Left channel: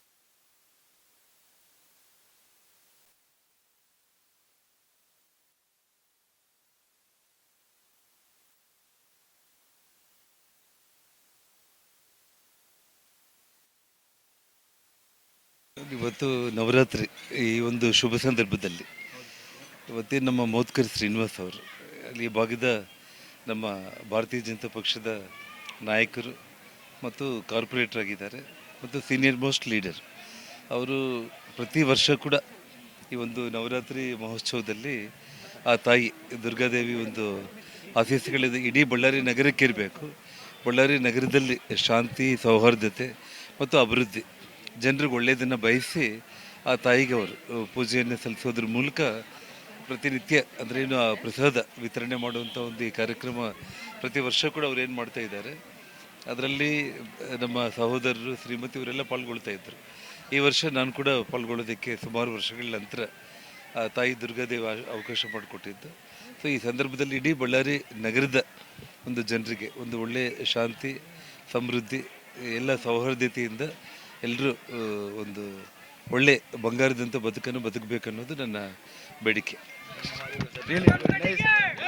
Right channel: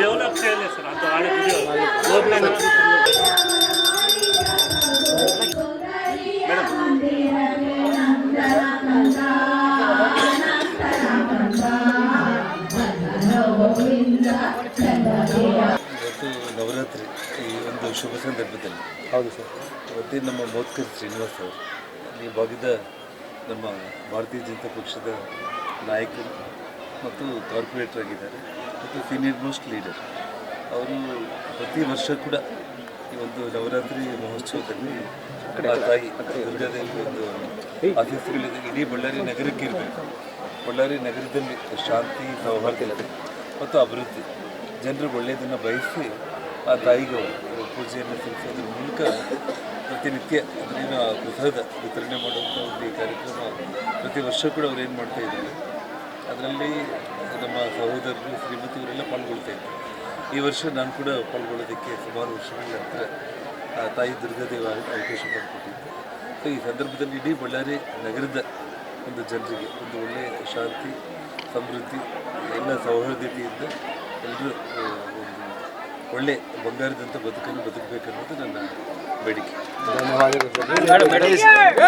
Develop చేయలేదు sir అంత ఆడే వీడియో ಇವತ್ತು ನವರಾತ್ರಿ ಈ ಒಂದು ಶುಭ ಸಂದರ್ಭದಲ್ಲಿ. ಹೌದು ಸರ್. ಇವತ್ತೇ ನಮ್ಮ ಮೋದ್ಕರ್ ಶ್ರೀನಿವಾಸ್ ಅವರು ಇಲ್ಲಿ ಈ ಭಾಗದ ನಮ್ಮ ಭಾರತೀಯ ಜನತಾ ಪಕ್ಷದ ನಾಯಕರು ಮತ್ತು ಕಾರ್ಪೊರೇಟರ್ ಆಗಿದ್ದಾರೆ ಮತ್ತು ಸೀನಿಯರ್ ಮೋಸ್ಟ್ ಲೀಡರ್ ಅವರು ಪ್ರತಿ ವರ್ಷ ಕೂಡ ಈ ಒಂದು ನವರಾತ್ರಿ ಮಹೋತ್ಸವದಲ್ಲಿ ಆ ತಾಯಿ ದುರ್ಗಾದೇವಿ ಒಂದು ಆಫೀಸ್ಗಳಿದೆ ಇಡೀ ಬಳ್ಳಾರಿ ನಗರಕ್ಕೆ ಇರಬೇಕು. ಬಳ್ಳಾರಿ ನಗರದಲ್ಲಿ ಶಾಂತಿ ಸೌಹಾರ್ದತೆ ಮತ್ತು ಅಭಿವೃದ್ಧಿ. ಜನರಿಗೆ ಒಳ್ಳೆಯದನ್ನು ಬಯಸಿ ಆ ತಾಯಿಗೆ ಅವರು ಪೂಜೆಯನ್ನು ಸಲ್ಲಿಸೋದ್ರ ಮೂಲಕ ಪ್ರತಿನಿತ್ಯ ಅಂದರೆ ಏನು ಆ ಪ್ರಸಾದ ವಿತರಣೆ ಮಾಡುವಂಥ ಒಂದು ಈ ಕಾರ್ಯಕ್ರಮ ಪ್ರತಿ ವರ್ಷ ಕೂಡ ಅವ್ರು ಏನು ಮಾಡ್ತಾ ಇದ್ದಾರೆ. ಅದರಲ್ಲಿ ನಮ್ಮ ಸಹೋದರರು, ಶ್ರೀಮತಿ ಇವರೆಲ್ಲ ಪಾಲ್ಗೊಳ್ತಾ ಇದ್ದರು ಈ ವರ್ಷ ನಾನು ಕೂಡ ಪಾಲ್ಗೊಳ್ಳೋದಕ್ಕೆ ಸುಮಾರು ವರ್ಷಗಳ ನಂತರ ತಾಯಿ ದುರ್ಗಾದೇವ ಅವಕಾಶ ಮಾಡಿಕೊಟ್ಟಿತ್ತು. ಸೊ ಈ ಸಂದರ್ಭದಲ್ಲಿ ಇಡೀ ಬಳ್ಳಾರಿ ನಗರದ ಒಂದು ಜನರಿಗೆ ಒಂದು ಒಳ್ಳೆಯ ಶಾಂತಿ, ಸಮೃದ್ಧಿ ಎಲ್ಲ ಸೌಹಾರ್ದತೆಯಿಂದ ಎಲ್ಲರೂ ಒಂದು ಒಳ್ಳೆ ಬಂಗಾರದಂಥ ಬದುಕನ್ನು ಬದುಕಬೇಕನ್ನೋದು ನನ್ನ ಬೇಡಿಕೆ. ಧನ್ಯವಾದಗಳು ಸರ್.